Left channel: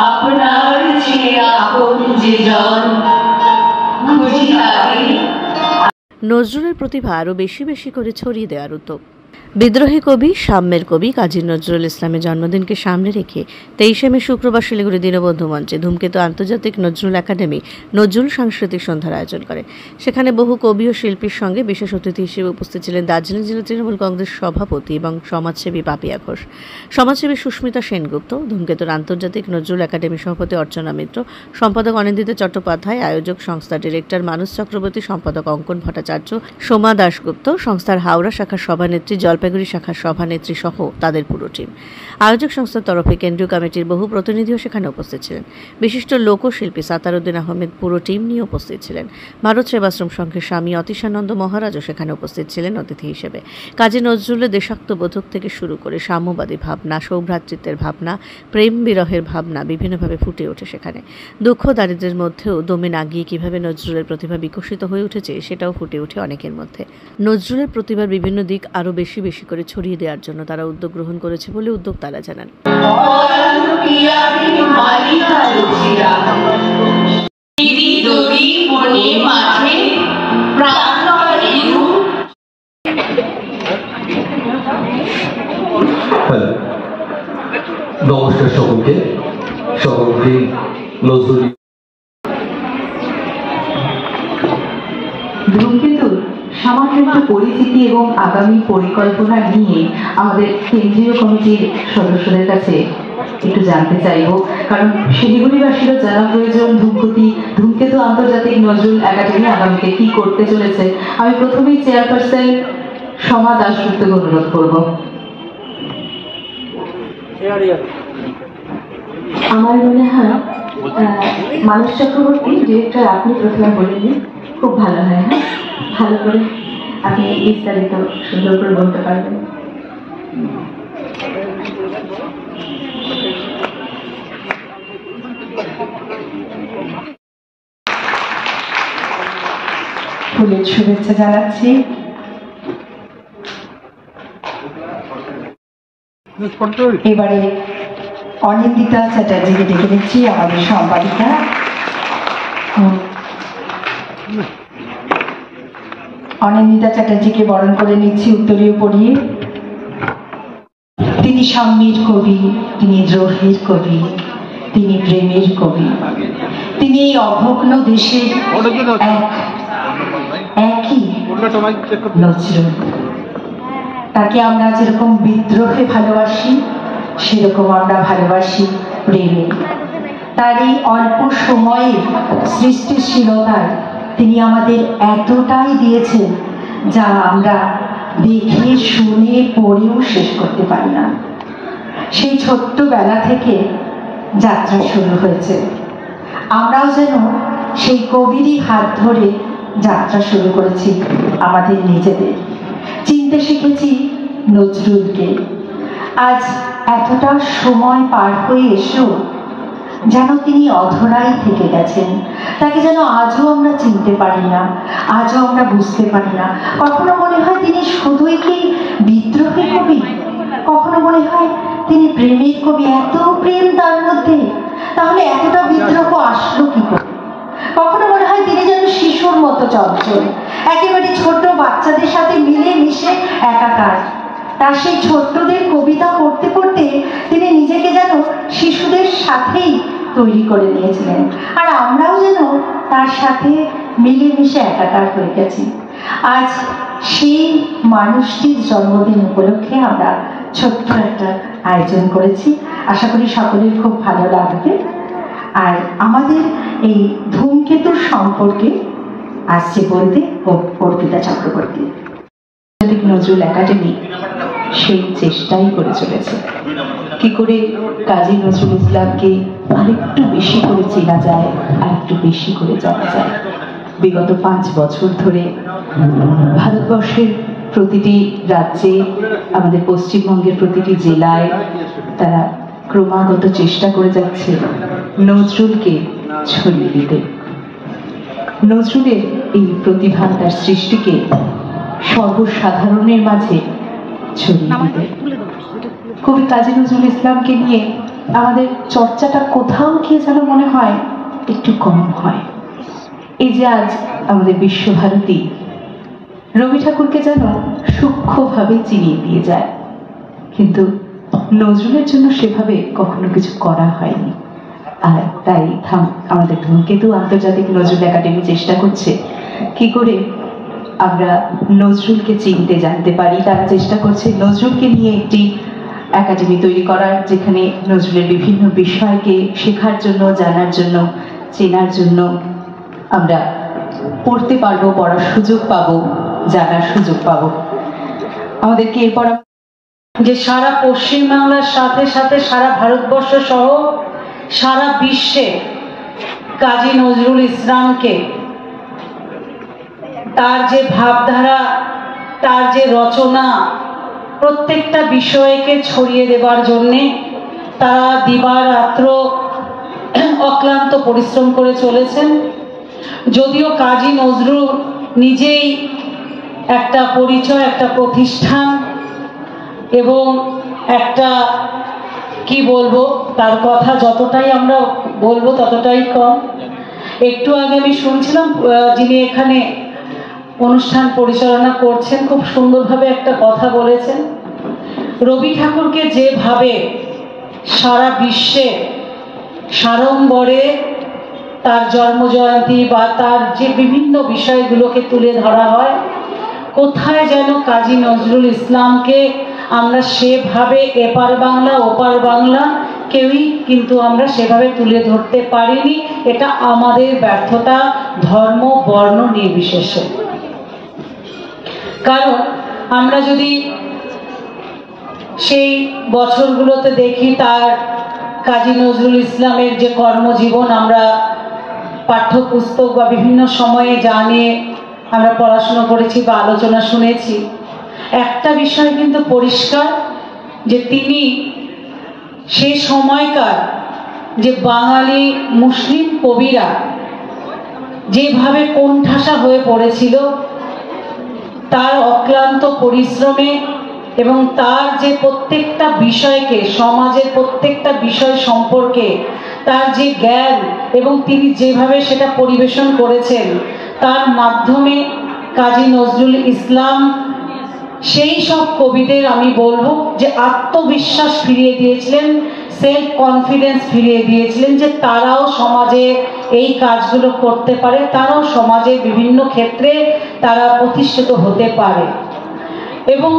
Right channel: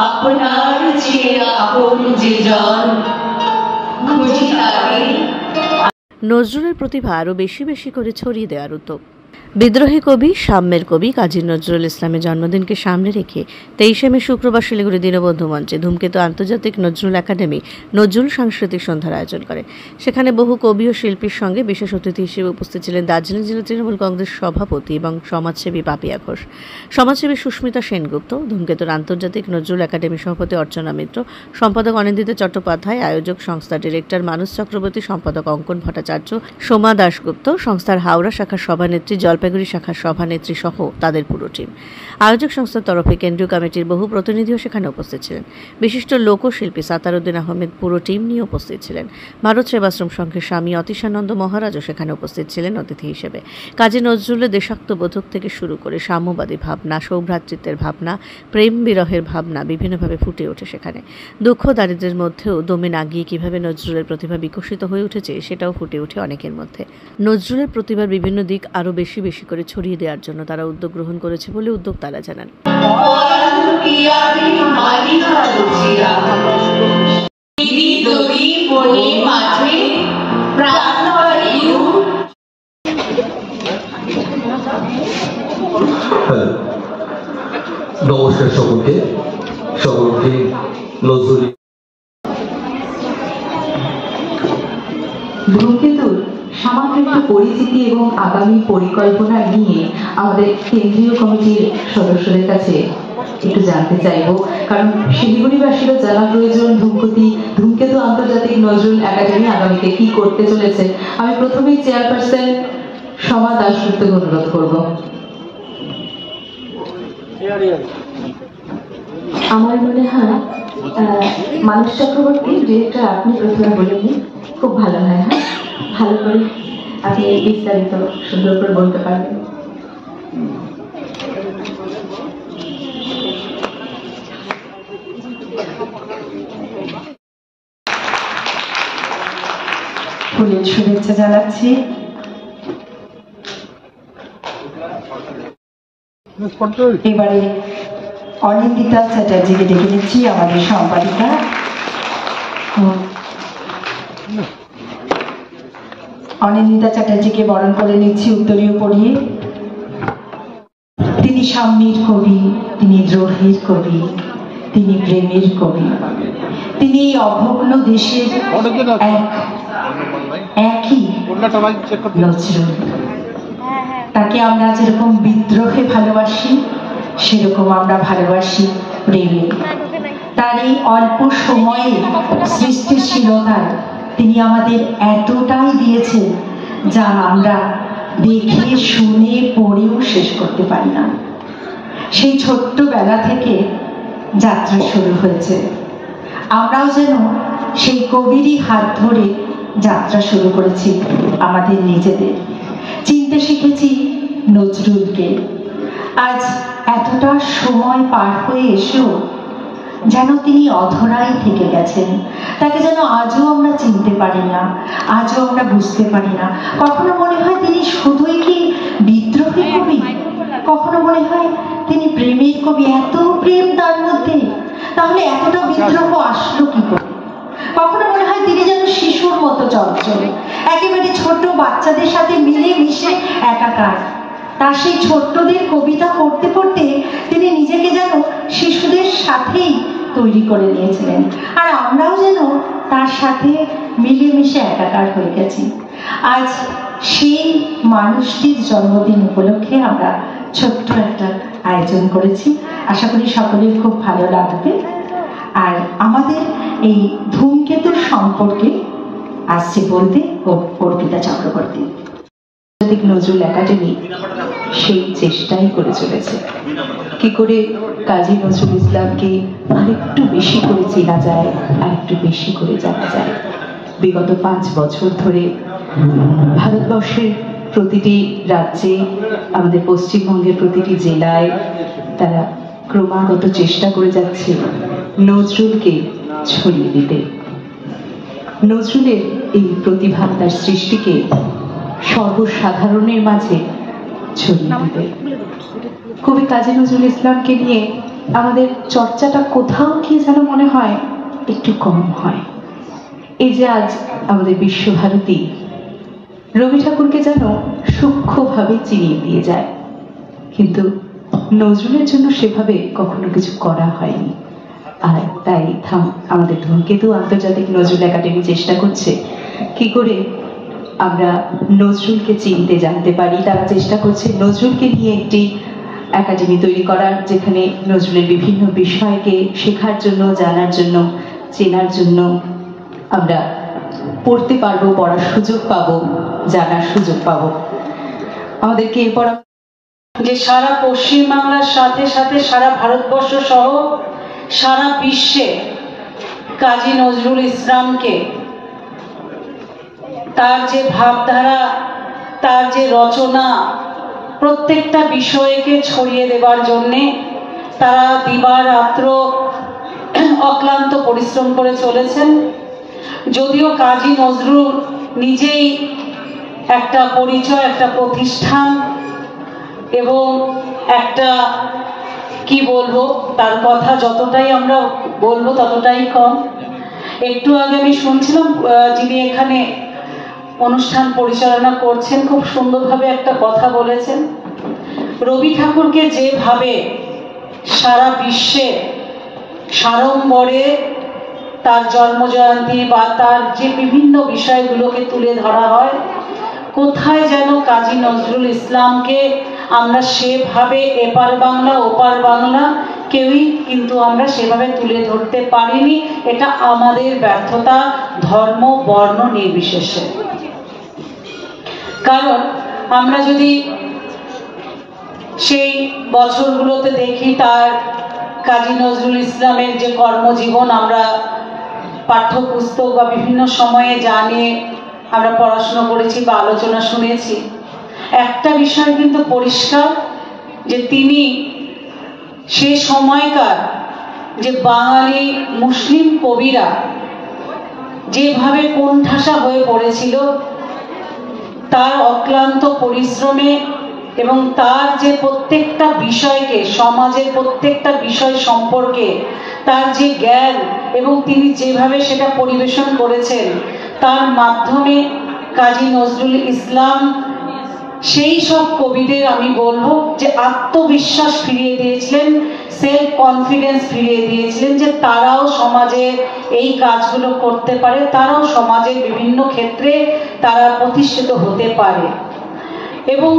আপনার চেয়ে আপন যে জন খুঁজি তারে। নজরুলের প্রতিভা আরও বেশি বেশি করে ছড়িয়ে দেওয়ার উদ্যোগ। বিদ্রোহী কবি, সাম্যের কবি কাজী নজরুল ইসলামের জন্মদিনকে সামনে রেখে 23শে মে শুক্রবার শিলিগুড়ি দীনবন্ধু মঞ্চে ধূমকেতু আন্তর্জাতিক নজরুল একাডেমি নজরুল সাংস্কৃতিক সন্ধ্যার আয়োজন করে। সেখানে বহু কবি ও শিল্পীর সঙ্গে বিশেষ অতিথি হিসেবে উপস্থিত ছিলেন দার্জিলিং জেলা তৃণমূল কংগ্রেস সভাপতি এবং সমাজসেবী পাপিয়া ঘোষ, সমাজসেবী সুস্মিতা সেনগুপ্ত, ধূমকেতুর আন্তর্জাতিক নজরুল একাডেমি সভাপতি অর্চনা মিত্র, সম্পাদক অনিন্দিতা চট্টোপাধ্যায়, আয়োজক সংস্থার ডিরেক্টর মানস চক্রবর্তী, সম্পাদক অঙ্কন ভট্টাচার্য, সোমা দাশগুপ্ত, সংস্থার হাওড়া শাখার সভানেত্রী, জলপাইগুড়ি শাখার সভানেত্রী সহ তাদের পুরো টিম। আয়োজক সংস্থার তরফে কেন্দ্রীয় কমিটির বহু প্রতিনিধিও সেখানে উপস্থিত ছিলেন। বিশিষ্ট লোকশিল্পী সাতারউদ্দিন আহমেদ পুরো টিম নিয়ে উপস্থিত ছিলেন। ভারত সেবাশ্রম সংঘের স্বামী অতীশানন্দ মহারাজও সেখানে উপস্থিত ছিলেন অতিথি হিসেবে। কাজী নজরুলের দেশাত্মবোধক থেকে শুরু করে সাম্যবাদী ভাবনা, সৌভ্রাতৃত্বের ভাবনা, প্রেম বিরহের ভাবনা বিভিন্নভাবে ফুটে ওঠে সেখানে। দুঃখ দারিদ্র্যের মধ্যেও দমে না গিয়ে কীভাবে নজরুলের প্রতিভা বিকশিত হয়ে উঠেছে সেটাও ফুটে ওঠে অনেকের মধ্যে। নজরুলের প্রতিভার বিভিন্ন দিক আরও বেশি বেশি করে ছড়িয়ে দেওয়ার জন্য তারা উদ্যোগ গ্রহণ করেছে বলে উদ্যোক্তারা জানান। নমস্কার সকলকে। নজরুল ধূমকেতুর সামান্য একটু পরিচিতি এবং আগামী পরিকল্পনা নিয়ে আমাদের কেন্দ্রীয় কমিটির সদস্যদের কাছে একটু জানতে চাইব, কারণ শিলিগুড়িবাসীরও জানা প্রয়োজন ধূমকেতু আন্তর্জাতিক নজরুল একাডেমি আগামীতে কি করতে চলেছে। আমি প্রথমেই চেয়ারপারসন সোমা দাশগুপ্তকে অনুরোধ করব। আমার মনে হয় মানস চক্রবর্তী ডিরেক্টর আপনি প্রথমে বলেননি, খুব ভালো হয়। হ্যাঁ, ভালো করে আপনি বিস্তারিত সুন্দর করে বলতে পারবেন। ফুলের শুভেচ্ছা জানাচ্ছি। এবারে অনিন্দিতা চ্যাটার্জিকে ডেকে নিচ্ছি, আমাদের সম্পাদিকা। অনিন্দিতা চ্যাটার্জিকে বরণ করে নিচ্ছি উত্তরীয় পড়িয়ে। তিনি সাম্যের কবি, তিনি দ্রোহের কবি, তিনি প্রেমের কবি, তিনি এই অভগ্ন দেশের একই নজরুল। তাকে আমরা যেরকম বিদ্রোহে ভালোবাসি সেরকম আমরা ভালোবাসি প্রেমে। তার এই অল্প সময়ে সৃষ্টিশীলতায় তিনি আমাদের এতটাই দিয়েছেন যা আমরা দেখে শুনে পড়েও শেষ করতে পারি না। সেই ছোট্টবেলা থেকে যাত্রা শুরু হয়েছে, আমরাও যেন সেই কবিরই হাত ধরে যাত্রা শুরু করেছি। আমাদের নিজেদের চিনতে শিখেছি নজরুলকে। আজ এতটা সময় পার হয়ে এসেও যেন তিনি অধরাই থেকে গেছেন। তাকে যেন আজও আমরা চিনতে পারি না, আজও আমরা বুঝতে পারি না। কখনো মনে হয় তিনি শুধুই কি বিদ্রোহের কবি, কখনো মনে হয় তিনি প্রেমের কবি। এত প্রেম তার মধ্যে, তাহলে এতটা বিদ্রোহ আসলো কি করে? কখনো মনে হয় তিনি যেন শিশুর মতো চঞ্চল, একেবারে ছোট বাচ্চাদের সাথে মিলে মিশে একাকার। তার সেই ছোট্টদের কবিতা পড়তে পড়তে তিনি নিজেকে যেন শিশুদের সাথেই তৈরি করে নিয়েছিলেন, আর আমরাও যেন তার সাথে মিলেমিশে একাকার হয়ে গেছি। আজ সেই মানুষটির জন্মদিন উপলক্ষে আমরা ছোট্ট একটা আয়োজন করেছি। আশা করি সকলের খুব ভালো লাগবে। আর আমাদের এই ধূমকেতুর সম্পর্কে আসছে বলতে অর্পিতা চক্রবর্তী। নজরুল একাডেমি সেই চেষ্টাই করে চলেছে কি করে কাজী নজরুল ইসলামকে আরেকটু বেশি করে চেনা যায়, আরেকটু বেশি করে জানা যায়। বিগত 5 বছর ধরে ভারতবর্ষের প্রতিটি রাজ্যে, আমাদের পশ্চিমবঙ্গের প্রতিটি জেলায় তারা ক্রমাগত চেষ্টা করে যাচ্ছে নজরুলকে ছড়িয়ে দিতে। নজরুলের এই প্রতিভা, তার সৃষ্টিকে সর্বসাধারণের মাঝে ছড়িয়ে দিতে। কবি কাজী নজরুল ইসলামকে নিয়ে আমাদের চর্চাটা কোথাও গিয়ে যেন মনে হয় একটু কম হয়। এই যে আজ আমাদের বিশ্বভারতী রবি ঠাকুরকে যেন সূক্ষ্মভাবে চিনিয়ে দিয়ে যায়, কিন্তু নজরুলের জন্য সেভাবে কখনো কিছু করা হয়নি। আর তাই আমাদের ধূমকেতু আন্তর্জাতিক নজরুল একাডেমি চেষ্টা করছে কি করে আমরা নজরুলকে চিনতে জানতে পারি। তারা চেষ্টা করছে নজরুলকে নিয়ে একটি একাডেমি তৈরি করার, যেখানে নজরুলের বিভিন্ন বিষয়কে শেখার জন্য, জানার জন্য, চেনার জন্য আমরা পড়তে পারবো, পড়ার সুযোগ পাবো, জানার সুযোগ পাবো। আমাদেরকে এরপর যে সারা পশ্চিমবাংলার সাথে সাথে সারা ভারতবর্ষ সহ সারা বিশ্বে কাজী নজরুল ইসলামকে, তার যে ভাবধারা, তার যে রচনা, প্রত্যেকটা বিষয়কে ছড়িয়ে দেবার জন্যে তারা দিবারাত্র অক্লান্ত পরিশ্রম করে চলেছেন। যদিও কাজী নজরুল নিজেই একটা পরিচয়, একটা প্রতিষ্ঠান এবং একটা কি বলবো, তার কথা যতটাই আমরা বলবো ততটাই কম। একটু আগে আমি শুনছিলাম যিনি এখানে অনুষ্ঠান পরিচালনা করছেন, খুব সুন্দরভাবে একটা কথা বলেছেন। রবি ঠাকুরকে যেভাবে সারা বিশ্বে সাড়ম্বরে তার জন্মজয়ন্তী বা তার যে বিভিন্ন বিষয়গুলোকে তুলে ধরা হয়, কোথায় যেন কাজী নজরুল ইসলামকে আমরা সেভাবে এপার বাংলা ওপার বাংলা কেউই কিন্তু আমরা সেভাবে তুলে ধরতে পারিনি। এটা আমাদের ব্যর্থতা, ধর্ম বর্ণ নির্বিশেষে। কারণ আমরা যদি সেই বছরগুলোতে দেখি, তার কাজী নজরুল ইসলামের যে কর্মজীবন আমরা পাঠ্যপুস্তক বা বিভিন্ন সময়ে জানিয়ে আমরা পড়াশোনা করেছি বা আলোচনা শুনেছি, একটা বিষয় কিন্তু পরিষ্কার যে তিনি সেই সময়কার যে বাঙালি মুসলিম কবিরা যেভাবে কোণঠাসা হয়ে পড়েছিল, তার অক্লান্ত পরিশ্রমে এবং তার যে প্রত্যেকটা বিষয়কে, সমাজের প্রত্যেকটা বিষয় সম্পর্কে তার যে জ্ঞান এবং তিনি যেভাবে সেটা পরিবেশন করেছেন, তার মাধ্যমে কাজী নজরুল ইসলাম সেই সব কবিদের আমি বলবো যে আত্মবিশ্বাস ফিরিয়ে দিয়েছিলেন, সেলফ কনফিডেন্স ফিরিয়ে দিয়েছিলেন, যে তারাও সমাজে এই কাজগুলো করতে পারে, তারাও সমাজের বিভিন্ন ক্ষেত্রে তারা প্রতিষ্ঠিত হতে পারে। এবং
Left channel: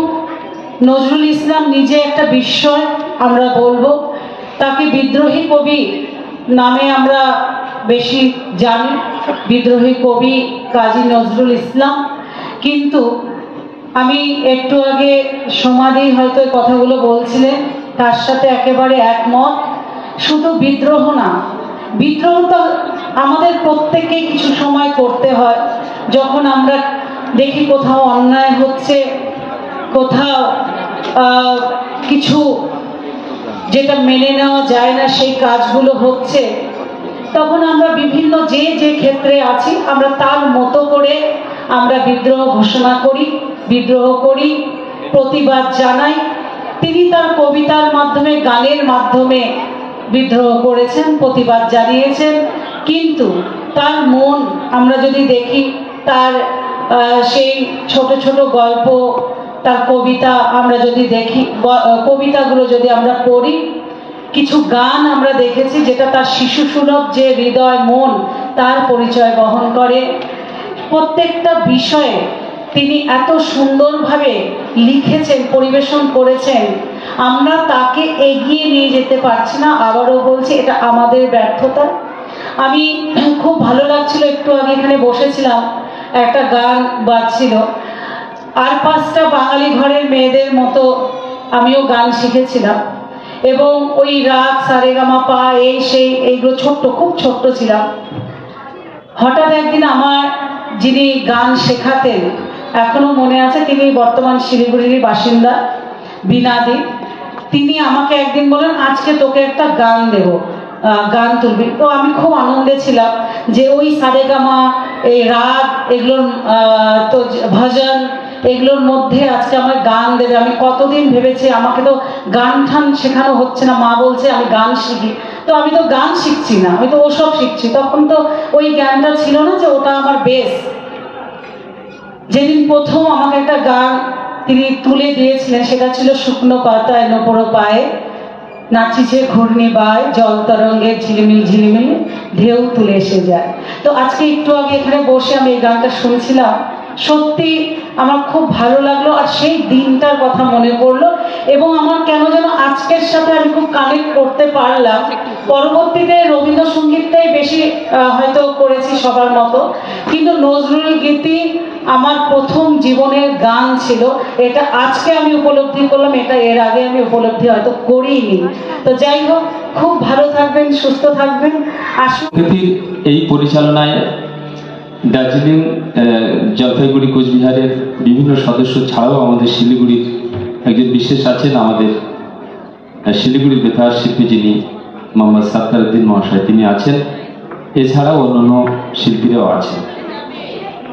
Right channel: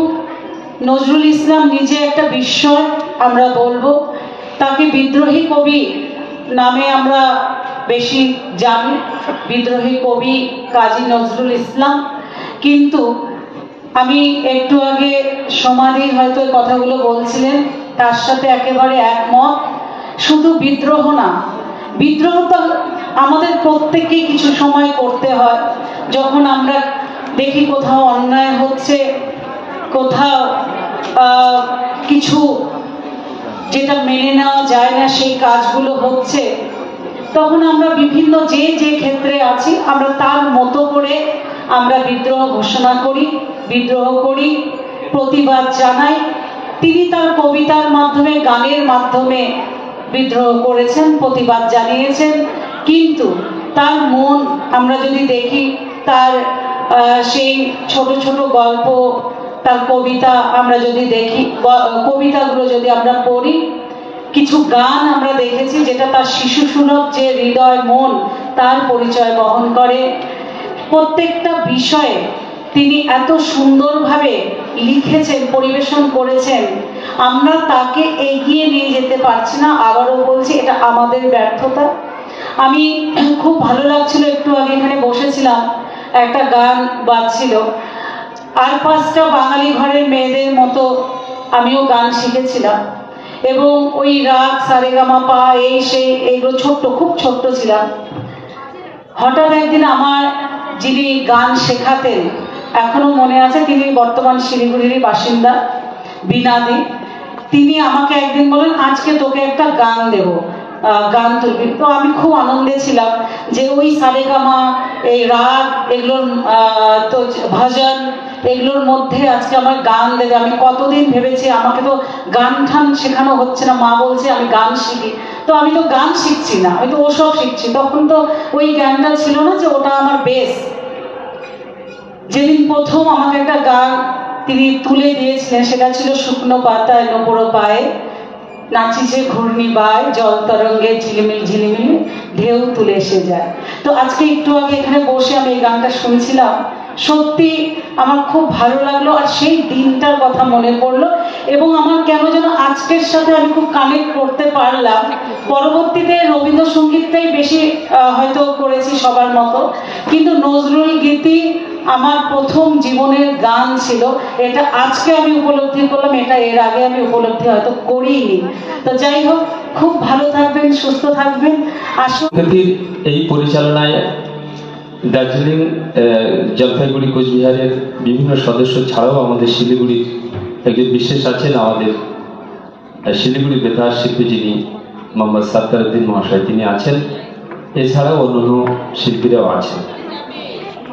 নজরুল ইসলাম নিজে একটা বিস্ময়, আমরা বলবো তাকে বিদ্রোহী কবি নামে আমরা বেশি জানি, বিদ্রোহী কবি কাজী নজরুল ইসলাম। কিন্তু আমি একটু আগে সমাধি হয়তো কথাগুলো বলছিলেন, তার সাথে একেবারে একমত। শুধু বিদ্রোহ না, বিদ্রোহ তো আমাদের প্রত্যেককেই কিছু সময় করতে হয়। যখন আমরা দেখি কোথাও অন্যায় হচ্ছে, কোথাও কিছু যেটা মেনে নেওয়া যায় না সেই কাজগুলো হচ্ছে, তখন আমরা বিভিন্ন যে ক্ষেত্রে আছি আমরা তার মতো করে আমরা বিদ্রোহ ঘোষণা করি, বিদ্রোহ করি, প্রতিবাদ জানাই। তিনি তার কবিতার মাধ্যমে, গানের মাধ্যমে বিদ্রোহ করেছেন, প্রতিবাদ জানিয়েছেন। কিন্তু তার মন আমরা যদি দেখি, তার সেই ছোট ছোট গল্প, তার কবিতা আমরা যদি দেখি, কবিতাগুলো যদি আমরা পড়ি, কিছু গান আমরা দেখেছি যেটা তার শিশু সুলভ যে হৃদয়, মন, তার পরিচয় বহন করে। প্রত্যেকটা বিষয়ে তিনি এত সুন্দরভাবে লিখেছেন, পরিবেশন করেছেন, আমরা তাকে এগিয়ে নিয়ে যেতে পারছি না। আবারও বলছি, এটা আমাদের ব্যর্থতা। আমি খুব ভালো লাগছিল, একটু আগে এখানে বসেছিলাম, একটা গান বাজছিল, আর পাঁচটা বাঙালি ঘরের মেয়েদের মতো আমিও গান শিখেছিলাম, এবং ওই রাগ সারেগামাপা এই সেই এইগুলো ছোট্ট, খুব ছোট্ট ছিলাম। হঠাৎ একদিন আমার যিনি গান শেখাতেন, এখনো মনে আছে, তিনি বর্তমান শিলিগুড়ির বাসিন্দা, বিনাদি। তিনি আমাকে একদিন বলেন, আজকে তোকে একটা গান দেব, গান তুলবি। তো আমি খুব আনন্দে ছিলাম যে ওই সারেগামা, এই রাগ, এগুলোর তো ভজন, এগুলোর মধ্যে আজকে আমার গান দেবে। আমি কতদিন ভেবেছি আমাকে তো গান ঠান শেখানো হচ্ছে না, মা বলছে আমি গান শিখি, তো আমি তো গান শিখছি না, আমি তো ওসব শিখছি। তখন তো ওই গানটা ছিল না যে ওটা আমার বেস। যেদিন প্রথম আমাকে একটা গান তিনি তুলে দিয়েছিলেন সেটা ছিল শুকনো পাতায় নোপড়ো পায়ে নাচিছে ঘূর্ণি বায়, জল তরঙ্গে ঝিলিমিল ঝিলিমিল ঢেউ তুলে এসে যায়। তো আজকে একটু আগে এখানে বসে আমি এই গানটা শুনছিলাম, সত্যি আমার খুব ভালো লাগলো, আর সেই দিনটার কথা মনে পড়লো, এবং আমার কেন যেন আজকের সাথে আমি খুব কানেক্ট করতে পারলাম। পরবর্তীতে রবীন্দ্রসঙ্গীতটাই বেশি হয়তো করেছি সবার মতো, কিন্তু নজরুল গীতি আমার প্রথম জীবনের গান ছিল। এটা আজকে আমি উপলব্ধি করলাম, এটা এর আগে আমি উপলব্ধি হয়তো করিনি। তো যাই হোক, খুব ভালো থাকবেন, সুস্থ থাকবেন। আসুন এই পরিচালনায় দার্জিলিং, জলপাইগুড়ি, কোচবিহারের বিভিন্ন সদস্য ছাড়াও আমাদের শিলিগুড়ির একজন বিশেষ আছেন, আমাদের শিলিগুড়ি বেতার শিল্পী যিনি মোহাম্মদ সাত্তারউদ্দিন মহাশয়, তিনি আছেন। এছাড়াও অন্যান্য শিল্পীরাও আছেন।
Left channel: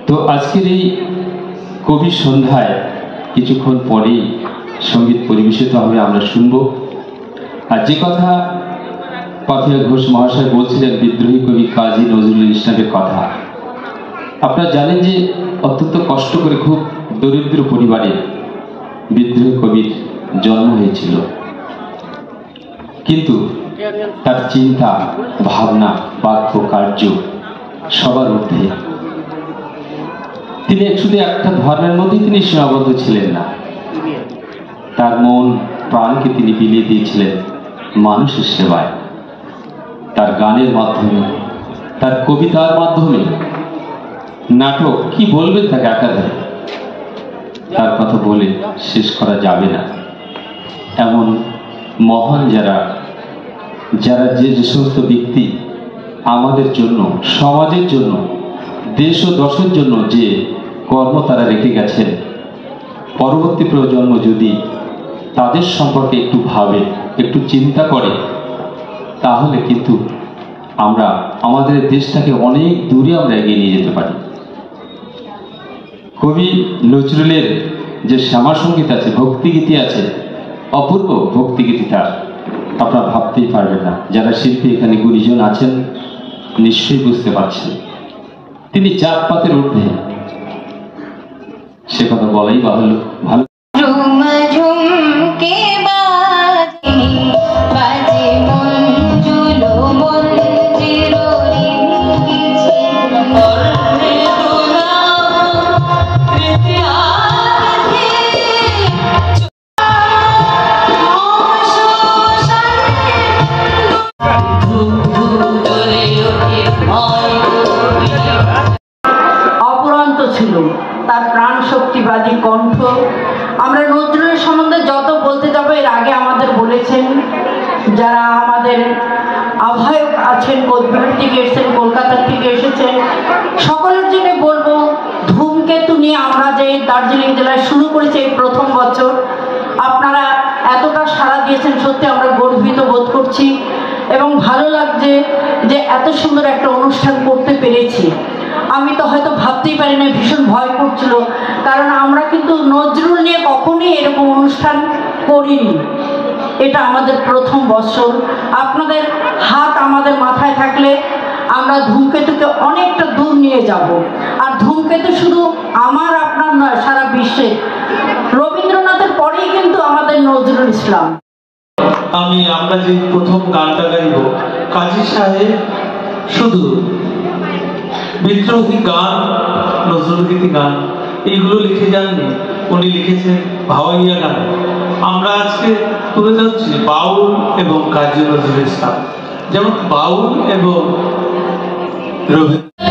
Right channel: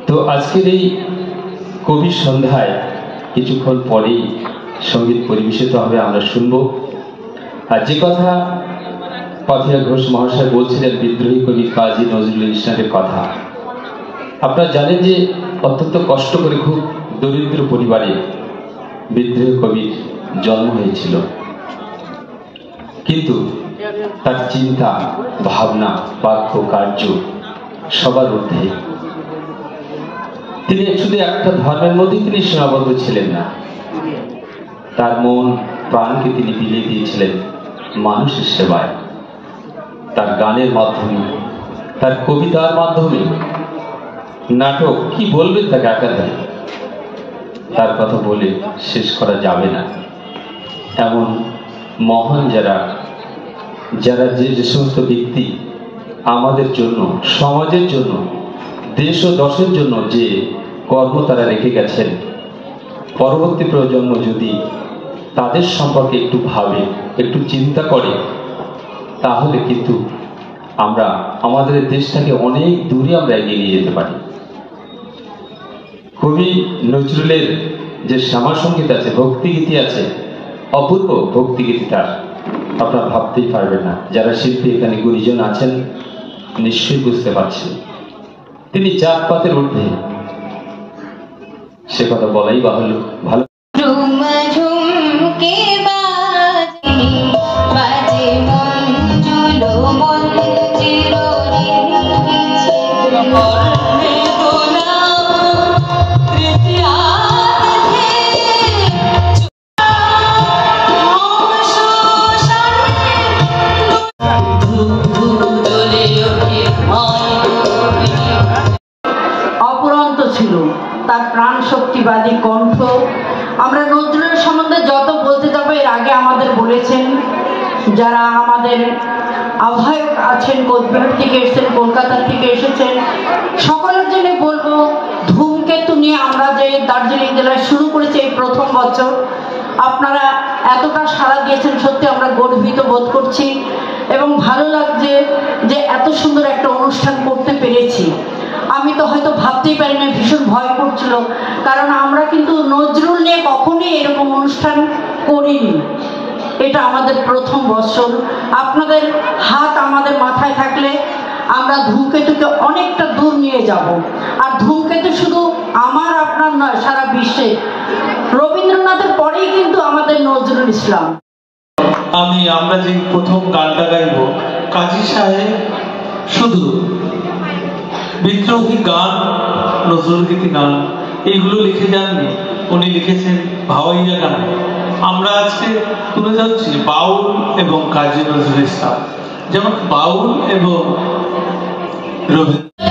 তো আজকের এই কবির সন্ধ্যায় কিছুক্ষণ পরেই সঙ্গীত পরিবেশিত হবে, আমরা শুনব। আর যে কথা পাপিয়া ঘোষ মহাশয় বলছিলেন বিদ্রোহী কবি কাজী নজরুল ইসলামের কথা, আপনারা জানেন যে অত্যন্ত কষ্ট করে খুব দরিদ্র পরিবারে বিদ্রোহী কবির জন্ম হয়েছিল, কিন্তু তার চিন্তা, ভাবনা, বাক্য, কার্য সবার ঊর্ধ্বে। তিনি শুধু একটা ধর্মের মধ্যে তিনি সীমাবদ্ধ ছিলেন না, তার মন প্রাণকে তিনি বিলিয়ে দিয়েছিলেন মানুষের সেবায়। তার গানের মাধ্যমে, তার কবিতার মাধ্যমে, নাটক, কি বলবেন তাকে একাধারে, তার কথা বলে শেষ করা যাবে না। এমন মহান যারা যে সমস্ত ব্যক্তি আমাদের জন্য, সমাজের জন্য, দেশ ও দশের জন্য যে কর্ম তারা রেখে গেছেন, পরবর্তী প্রজন্ম যদি তাদের সম্পর্কে একটু ভাবে, একটু চিন্তা করে, তাহলে কিন্তু আমরা আমাদের দেশটাকে অনেক দূরে আমরা এগিয়ে নিয়ে যেতে পারি। কবি নজরুলের যে শ্যামা সঙ্গীত আছে, ভক্তিগীতি আছে, অপূর্ব ভক্তিগীতি তার, আপনারা ভাবতেই পারবেন না। যারা শিল্পী এখানে গুরুজন আছেন নিশ্চয়ই বুঝতে পারছেন তিনি জাতপাতের ঊর্ধ্বে, সে কথা বলাই বাহুল্য। ভালো ছিল তার প্রাণ শক্তিবাদী কণ্ঠ। আমরা নজরুলের সম্বন্ধে যত বলতে যাবো, এর আগে আমাদের বলেছেন যারা আমাদের আহ্বায়ক আছেন, কোচবিহার থেকে এসেছেন, কলকাতা থেকে এসেছেন, সকলের জন্য বলবো, ধূমকেতু নিয়ে আমরা যে দার্জিলিং জেলায় শুরু করেছি এই প্রথম বছর, আপনারা এতটা সাড়া দিয়েছেন, সত্যি আমরা গর্বিত বোধ করছি এবং ভালো লাগছে যে এত সুন্দর একটা অনুষ্ঠান করতে পেরেছি। আমি তো হয়তো ভাবতেই পারি না, ভীষণ ভয় করছিল, কারণ আমরা কিন্তু নজরুল নিয়ে কখনোই এরকম অনুষ্ঠান করিনি। এটা আমাদের প্রথম বছর। আপনাদের হাত আমাদের মাথায় থাকলে আমরা ধূমকেতুকে অনেকটা দূর নিয়ে যাব। আর ধূমকেতু শুধু আমার আপনার নয়, সারা বিশ্বে। রবীন্দ্রনাথের পরেই কিন্তু আমাদের নজরুল ইসলাম। আমরা যে প্রথম গানটা গাইব, কাজী সাহেব শুধু বিদ্রোহী গান, নজরুলগীতি গান এইগুলো লিখে যাননি, উনি লিখেছেন ভাওয়াইয়া গান। আমরা আজকে তুলে যাচ্ছি বাউল এবং কাজী নজরুল ইসলাম। যেমন বাউল এবং রবীন্দ্র